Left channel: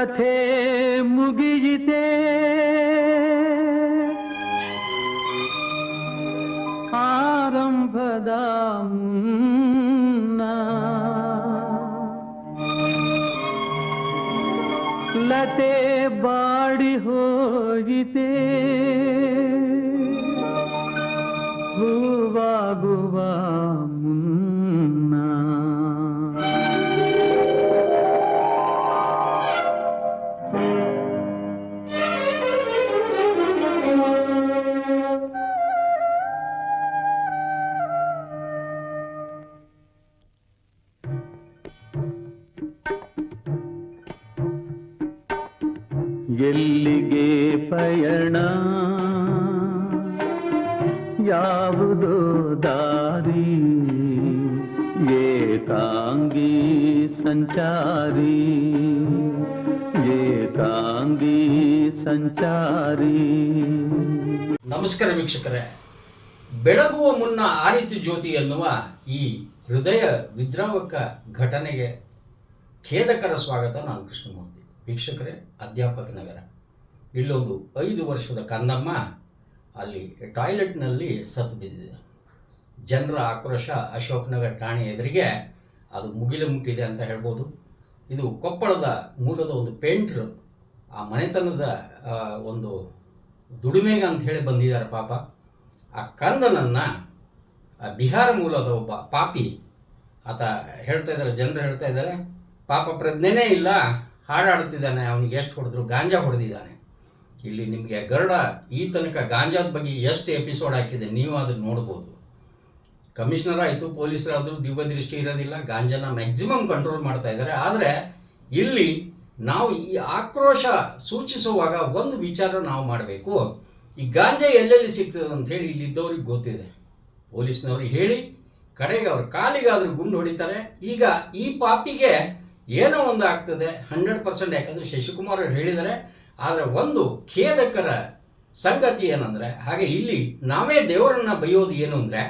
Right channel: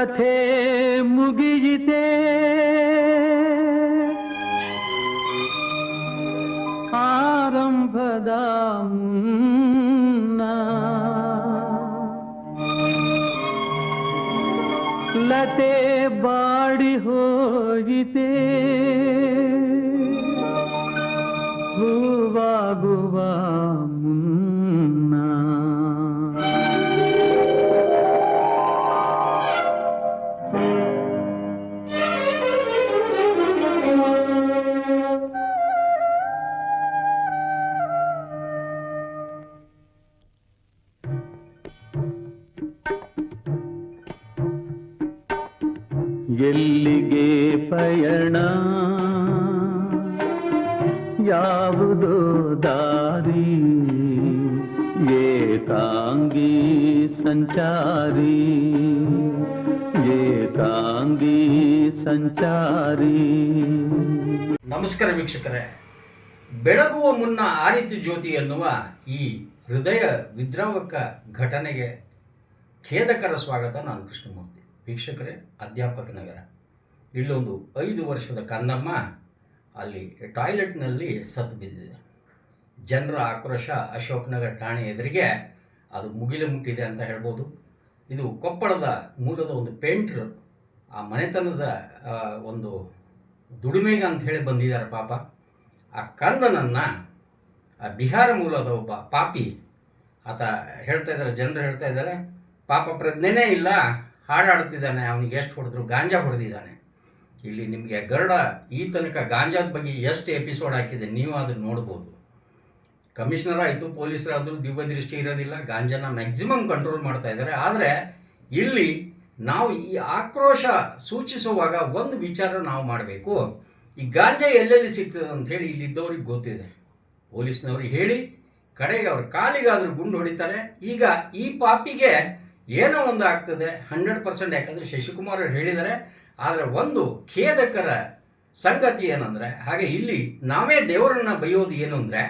ಕಥೆ ಮುಗಿಯಿತೆ? ಆರಂಭದ ಮುನ್ನ ಲತೆ ಬಾಡಿ ಹೋಯಿತೆ? ಎಲ್ಲಿಗೆ ಪಯಣ? ಯಾವುದೋ ದಾರಿ? ಏಕಾಂಗಿ ಸಂಚಾರಿ? ಏಕಾಂಗಿ ಸಂಚಾರಿ? ನಮಸ್ಕಾರ ವೀಕ್ಷಕರೇ. ಬೆಳಗುವ ಮುನ್ನ ಆರಿತು ಜ್ಯೋತಿ ಎನ್ನುವ ಈ ಹೃದಯ ವಿದ್ರಾವಕ ಘಟನೆಗೆ ಖೇದಕರ ಸ್ವಾಗತ ನಾನು ಕೃಷ್ಣಮೂರ್ತಿ. ವೀಕ್ಷಕರೇ, ಅಧ್ಯಾಪಕ ನಗರ. ಇಲ್ಲೊಂದು ಐದು ವರ್ಷದ ಕನ್ನಮ್ಮ ಅಲ್ಲಿ ಟಾಯ್ಲೆಟ್ನಲ್ಲಿ ಸತ್ತು ಬಿದ್ದಿದೆ. ಜನರ ಆಕ್ರೋಶ ಅಶೋಕ್ ನಗರ ಠಾಣೆ ಎದುರಿಗೆ ಅದು ಮುಗಿಲು ಮುಟ್ಟಿದೆ ಅಂತ ಹೇಳ್ಬೋದು. ಇದು ಕೊಪ್ಪಳದ ಮೂಲದ ಒಂದು ಪೇಂಟ್ರು, ಆ ಮನೆತನದ ಒಂದು ದುಡಿಮೆಗೆ ಅಂತ ಹೇಳಿ ಬಂದಿದ್ದಾರೆ ಪಾಪ. ಆ ಕಂದನನ್ನು, ಆ ಬಿಹಾರ ಮೂಲದ ಒಬ್ಬ ಪಾಪಿ, ಆತ ಹೇಳ್ತಾ ಇದ್ದಾರೆ, ಜನರು ಹೇಳ್ತಾ ಇದ್ದಾರೆ, ಪಾಪ ಪ್ರಜ್ಞೆನೇ ಇಲ್ಲ ಹಾಡಾಡ್ತಿದ್ದಾನೆ ಅವನಿಗೆ ಎಷ್ಟು ಹೊಡೆದ್ರು ಗಾಂಜಾ ಹೊಡೆದಿದ್ದಾನೆ. ಇಲ್ಲಿ ನಿಮಗೆ ಗರುಡ ಈ ತನಕ ಗಾಂಜಾದ ಬಗ್ಗೆ ಎಷ್ಟು ಎಪಿಸೋಡ್ ಹಾಕಿದೆ ನೀವು ಅದನ್ನು ನೋಡ್ಬೋದು. ಕಮಿಷನರ್ ಆಯಿತು, ಪೊಲೀಸರಾದರೂ ದಿವ್ಯ ದೃಷ್ಟಿ ಇರೋದಿಲ್ಲ, ಗಾಂಜಾನ ಮ್ಯಾಕ್ಸಿಮಮ್ ಕಂಟ್ರೋಲ್ ಮಾಡ್ತಾ ಇದ್ದಾರೆ. ಆದರೆ ಇಲ್ಲಿ ನಾವು ಈ ಆಕ್ರೋಶ ಸೂಚಿಸುವಾಗ ಒಂದು ವಿಚಾರ ನಾವು ಮಾಡಬೇಕು. ಈ ಗಾಂಜಾ ಎಲ್ಲೆಲ್ಲಿ ಸಿಗ್ತದೆ ಅಂತ ಹೇಳಿ ಇಲ್ಲಿದ್ದವ್ರಿಗೆ ಗೊತ್ತಿದೆ. ಪೊಲೀಸ್ನವ್ರಿಗೆ ಹೇಳಿ, ಕಡೆಗೆ ಅವ್ರ ಕಾಲಿಗಾದರೂ ಗುಂಡು ಹೊಡಿತಾರೆ. ಈಗ ಈ ಪಾಪಿಗೆ ಏನೋ ಒಂದು ಆಗ್ತದೆ, ಹಂಡ್ರೆಡ್ ಪರ್ಸೆಂಟ್, ಯಾಕಂದರೆ ಶಶಿಕುಮಾರ್ ಅವ್ರು ಹೇಳಿದ್ದಾರೆ. ಆದರೆ ಒಂದು ಖೇದಕರ ಸಂಗತಿ ಏನಂದರೆ, ಹಾಗೆ ಇಲ್ಲಿ ನಾವೇ ದೇವರನ್ನ ಬೈಯೋದು ಏನು ಅಂದರೆ,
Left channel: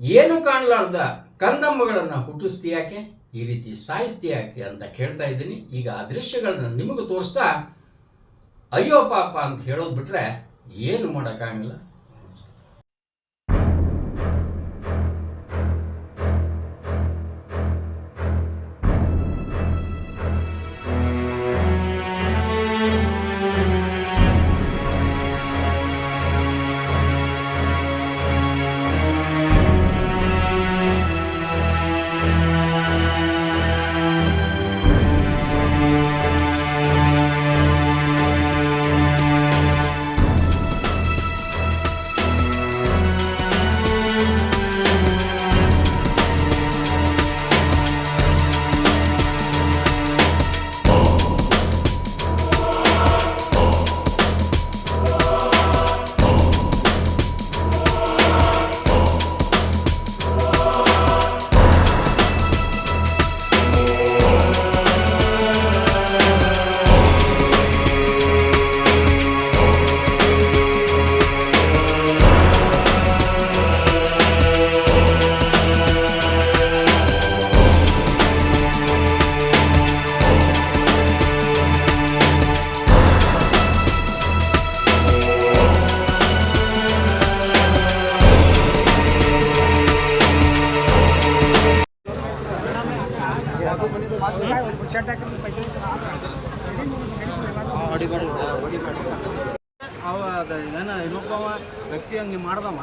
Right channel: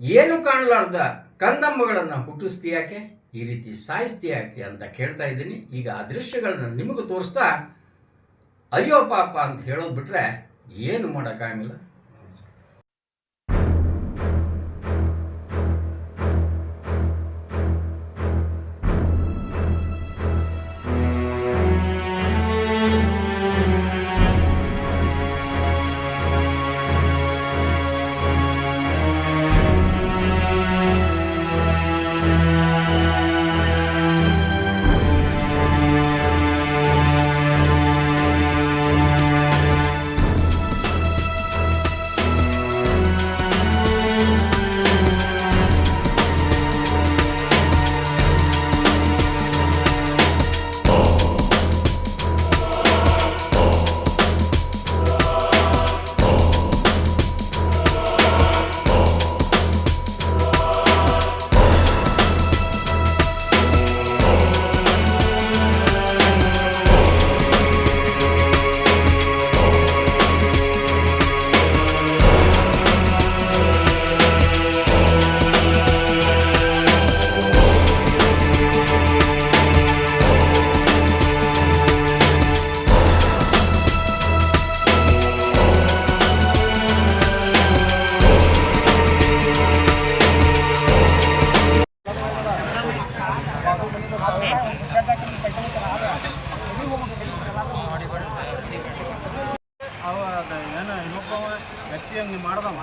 ಏನು ಕಾಣಲಾರ್ದ ಕಂದಮ್ಮಗಳನ್ನು ಹುಟ್ಟಿಸ್ತೀಯಾಕೆ ಈ ರೀತಿ ಸಾಯಿಸ್ತೀಯಾಕೆ ಅಂತ ಕೇಳ್ತಾ ಇದ್ದೀನಿ. ಈಗ ಆ ದೃಶ್ಯಗಳನ್ನ ನಿಮಗೂ ತೋರಿಸ್ತಾ, ಅಯ್ಯೋ ಪಾಪ ಅಂತ ಹೇಳೋದು ಬಿಟ್ರೆ ಏನು ಮಾಡೋಕ್ಕಾಗಿಲ್ಲ ಏನು ಇನ್ನೊಬ್ಬವ ವ್ಯಕ್ತಿ ಹಂಗೆ ಮಾಡ್ದವ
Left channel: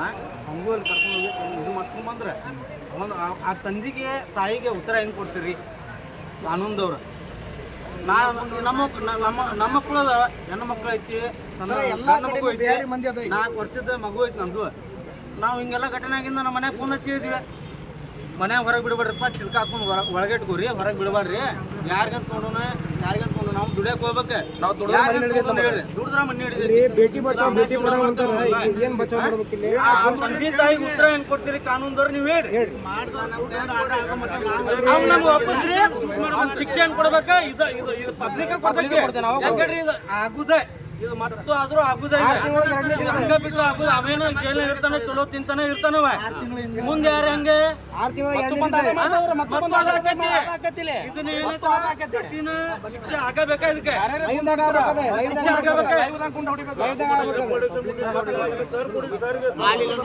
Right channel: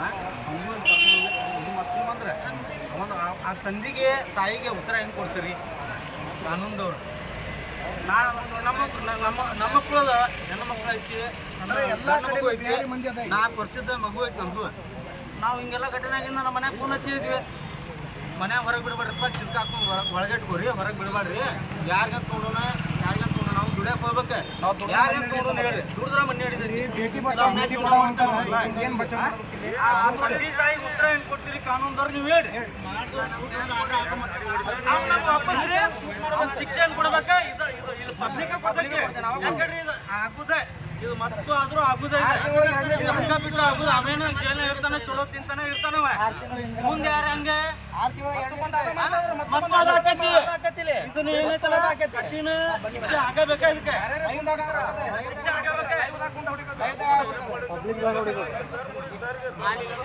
ಹಂಗೂ ಅಲ್ಲಿ ಕರ್ಕೊಂಡು ಇದು ಮಾಡ್ಕೊಂಡು ಬಂದ್ರೆ ಒಂದು ಆ- ತಂದಿಗೆ ತಾಯಿಗೆ ಉತ್ತರ ಹೆಂಗೆ ಕೊಡ್ತೀರಿ ಕಾನೂನ್ದವ್ರು ನಾ ನಮ್ಮ ನಮ್ಮ ನಮ್ಮ ಮಕ್ಕಳು ಅದಾವ ಹೆಣ್ಣು ಮಕ್ಕಳು ಐತಿ ಎಲ್ಲ ನಾಲ್ಕು ವರ್ಷದ ಮಗು ಐತಿ ನಮ್ದು. ನಾವು ಹಿಂಗೆಲ್ಲ ಘಟನೆ ಆಗಿಂದ ನಮ್ಮ ಮನ್ಯಾಗ ಫೋನ್ ಹಚ್ಚಿದ್ವಿ ಮನ್ಯಾಗ ಹೊರಗೆ ಬಿಡಬೇಡ್ರಪ್ಪ ಚಿಲ್ಕ ಹಾಕೊಂಡು ಹೊರ ಒಳಗೆ ಇಟ್ಕೋರಿ ಹೊರಗೆ ಬಿಡಬೇಡ್ರಿ ಯಾರಿಗಂತ ನೋಡೋಣ ಯಾರಿಗಂತ ನೋಡೋಣ ನಾವು ದುಡಿಯಕ್ಕೆ ಹೋಗ್ಬೇಕು. ನಾವು ಹೇಳ್ರಿ. ದುಡಿದ್ರ ಮನೆ ತಾಯಿಗೆ ಉತ್ತರ ಏನ್ ಕೊಡ್ತೀರಿ ಕಾನೂನ್ದವ್ರು ನೀವು ಹೇಳಿ ಅವ್ನು ನಮ್ಗೆ ವಾಪಸ್ ರೀ ಶಿಕ್ಷೆ ಏನ್ ಕೊಡ್ಬೇಕು? ಇದು ಪಬ್ಲಿಕ್ ಕೊಡ್ತೈತಿ ಆಗುದೇ. ಇದು ಮತ್ತು ಆದ್ರೂ ಆಗುದ ಹಂಗ ಬಿದ್ರು ಆಗುದ. ಅವೇನು ಜೈಲ್ ಇರ್ತಾನೆ ಚಲೋ ತಿಂತಾನೆ ಇರ್ತಾನವ. ಮುಂದೆ ಯಾರ ಹಂಗೆ? ಮತ್ತು ಅದು ಆಕೈತಿ. ಇದನ್ನ ಏನೈತಲ್ಲ ಕಠಿಣ ಶಿಕ್ಷೆ ಆಗಬೇಕ ಇದಕ್ಕೆ? ಶಿಕ್ಷೆ ಆಗಬೇಕ?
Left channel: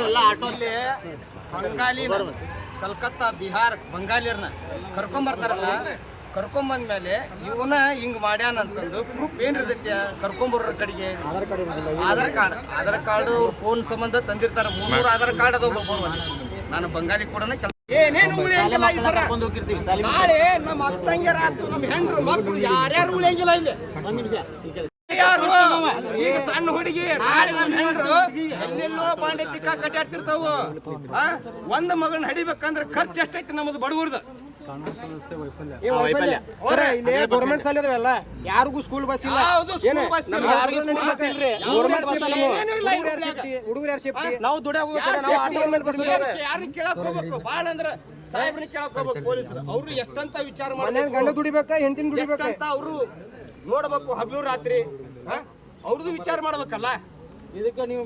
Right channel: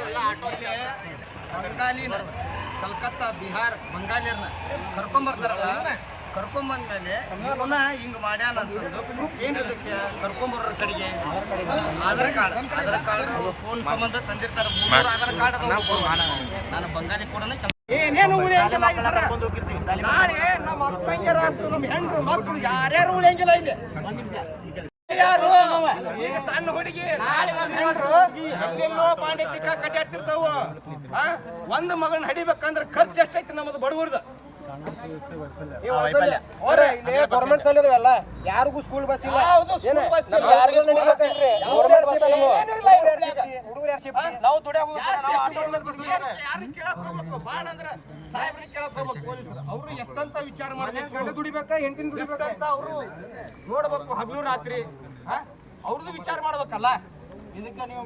ಎಲ್ಲ ಆಟೋಲ್ಲಿ ಬಂಗಾಲಿನ ಕಲ್ಕತ್ತಾ ಬಿಹಾರ್ ಬಂಗಾಲಿಯರ್ನ ಕರ್ಕೊಂಬರ್ತಾರಲ್ಲ. ಕರ್ಕೊಂಬಂದ್ಮೇಲೆ ಇವನ ಹಿಂಗ್ ಮಾಡ್ಯಾನ ಅಂತಂದು ಪ್ರೂಫ್ ಏನ್ ಇರ್ತೈತಿ ಕರ್ಕೊಂಬರೋ ಕಡೆಗೆ? Aadhaar card Aadhaar card phone ಸಂಬಂಧ ತಂದಿರ್ತಾರ. ಮೂರು ಆಧಾರ್ ಕಾರ್ಡ್ ಅದಾವ ನಾನು ಬಂಗಾಲಿ ಕೂಡ ಏನೇನು ಉಳಿಯಂಗಿಲ್ಲ. ನಾಳೆ ನಮ್ಮ ಅಕ್ಕಂಗಿರ ಆತು ನಮ್ಮ ಹೆಂಡ್ರು ಮಕ್ಕಳು ಯಾರ್ಯಾರು ಉಳಿಯಂಗಿಲ್ಲ ಇಲ್ಲಿ. ಯಾರು? ಈಗ ಸಣ್ಣ ಹುಡುಗಿ ನಾಳೆ ನಮ್ಮ ಹೆಂಡ್ರು ಎಲ್ಲೆಲ್ಲೋ ಬಾಂಡೆ ತಿಕ್ಕ ಕಟ್ಟಾಡ್ತಿರ್ತಾವ? ಒಂದ್ ಮಗಳನ್ನ ಹಡಿಬೇಕಂದ್ರೆ ಖರ್ಚು ಎಷ್ಟೈತಿ ನಮ್ಮದು ಗೌರ್ಮೆಂಟ್ ಯಾರಿಗೂ ಸ್ಕೂಲ್ ಬಸ್ ಇಲ್ಲ. ಹುಡುಗರು ಯಾರು ಸೇಫ್ಟಿ ನಾವು ದುಡಿಯಾಗ ಯಾರು ಕೇಳಕ್ ಹೋಗ್ಬೇಕು? ಹೋಗಬೇಕು ಅಂದ್ರ ಸಾಹೇಬ್ರಿಗೆ ಕೇಳಕ್ ಹೋಗ್ಬೇಕು ಪೊಲೀಸರು. ಅವ್ರು ಎಷ್ಟಂತ ವಿಚಾರ ಗಂಡ ದುಡಿಬೇಕ ಅವರು ನೋಡ್ಬೇಕು ಹಗಲು ರಾತ್ರಿ? ಅವ್ರದ್ದು ವಿಚಾರ ಮಾಡ್ಬೇಕಲ್ಲ? ಇದಕ್ಕೆ ನೀವು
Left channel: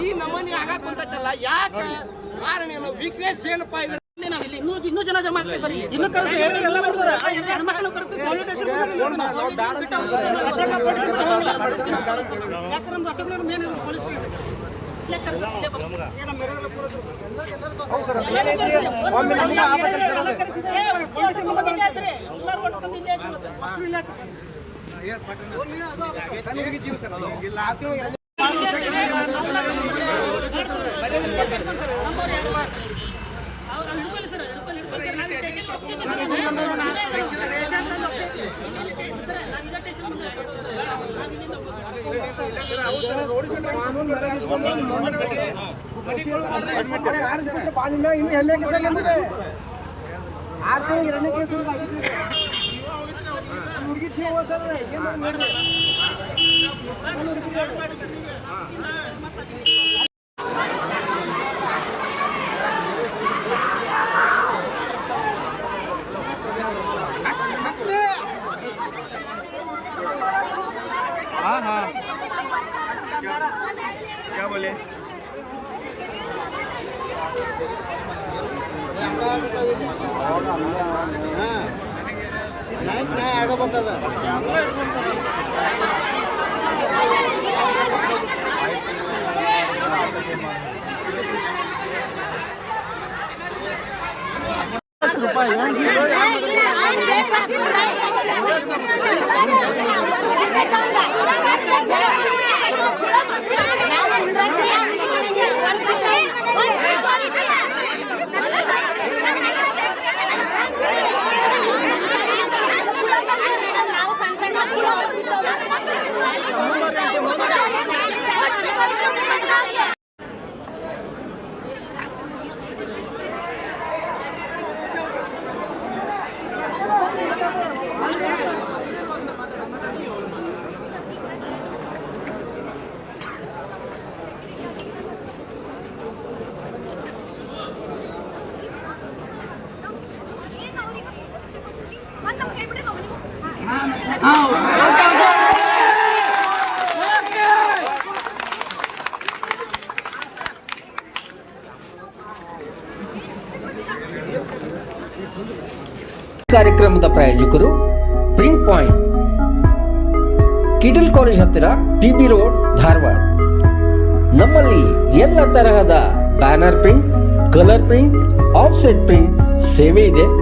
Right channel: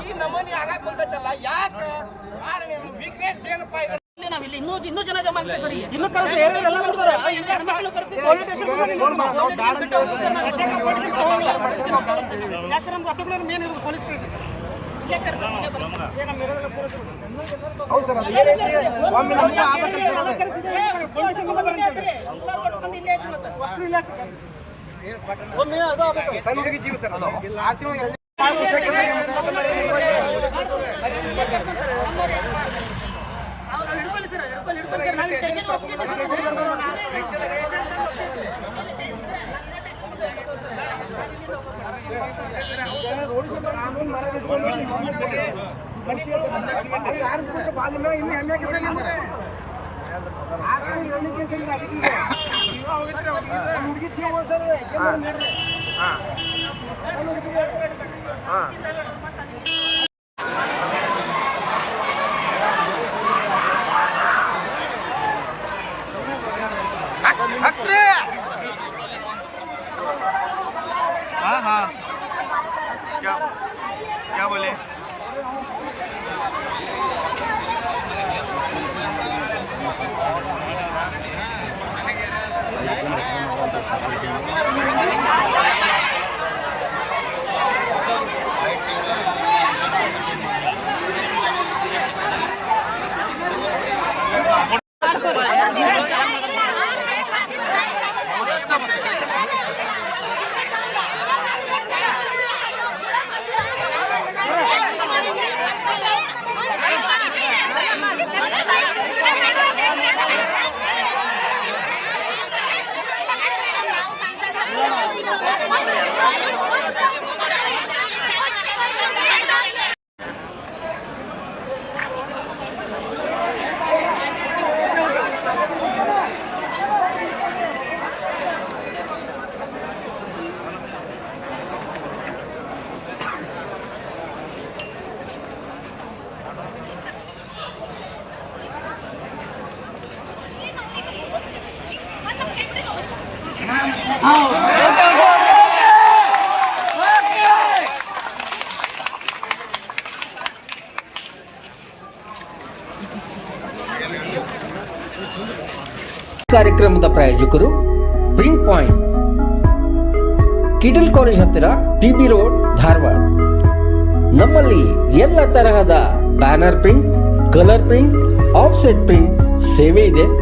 ಈ ನಮೂನಿ ಆಗಕ್ ಬಂದಲ್ಲ ಯಾಕೆ ಕಾರಣ ಏನು? ವೀಕ್ನೆಸ್ ಏನಪ್ಪಾ ಇದು? ನಾವಿಲ್ಲಿ ಇನ್ನೂ ಇನ್ನೂ ಜನ ಜಮಾ ಆಗ್ತಾರೆ. ಇನ್ನೂ ಕರೆಸಿ ಎಲ್ಲ ಬರ್ತಾರೆ. ಯಾಕೆ ನಮ್ದು ಅಶೋಕನವ್ರ ಮೇನ್ ಇರೋದು ಪೊಲೀಸ್ ನಮ್ಮ ಹೌದು ಸರ್ ಅದು ಏನೈತಿ ಒಮ್ಮೆ ನಮಗೂ ಸರ್ ಅದು. ಸಣ್ಣ ಹುಡುಗಿ ಜೀವ ಸರ್. ಆರಿಸ್ಬಿಟ್ರೆ ಬಾಜು ಹೆಮ್ಮೆ ಕೇಸರಿ ಅಂದ್ರೆ? ಆರು ಎರಡನೇ ಕೇಸರಿ ಆಗಿತ್ತು हाँ हाँ। क्या क्या बोले? anything ಕಾರ್ಯಕ್ರಮದ ಪ್ರಾಯೋಜಕರು ಪ್ರಿಂಟ್ ಪಾಯಿಂಟ್ ಕಿಟಲ್ ಕಾಲೇಜ್ ಹತ್ತಿರ ಟಿಬಿ ರೋಡ್ ಧಾರವಾಡ. ನಮ್ಮಲ್ಲಿ ಎಲ್ಲ ತರಹದ banner print, colour print, offset print ಸೇವೆ ಇದೆ.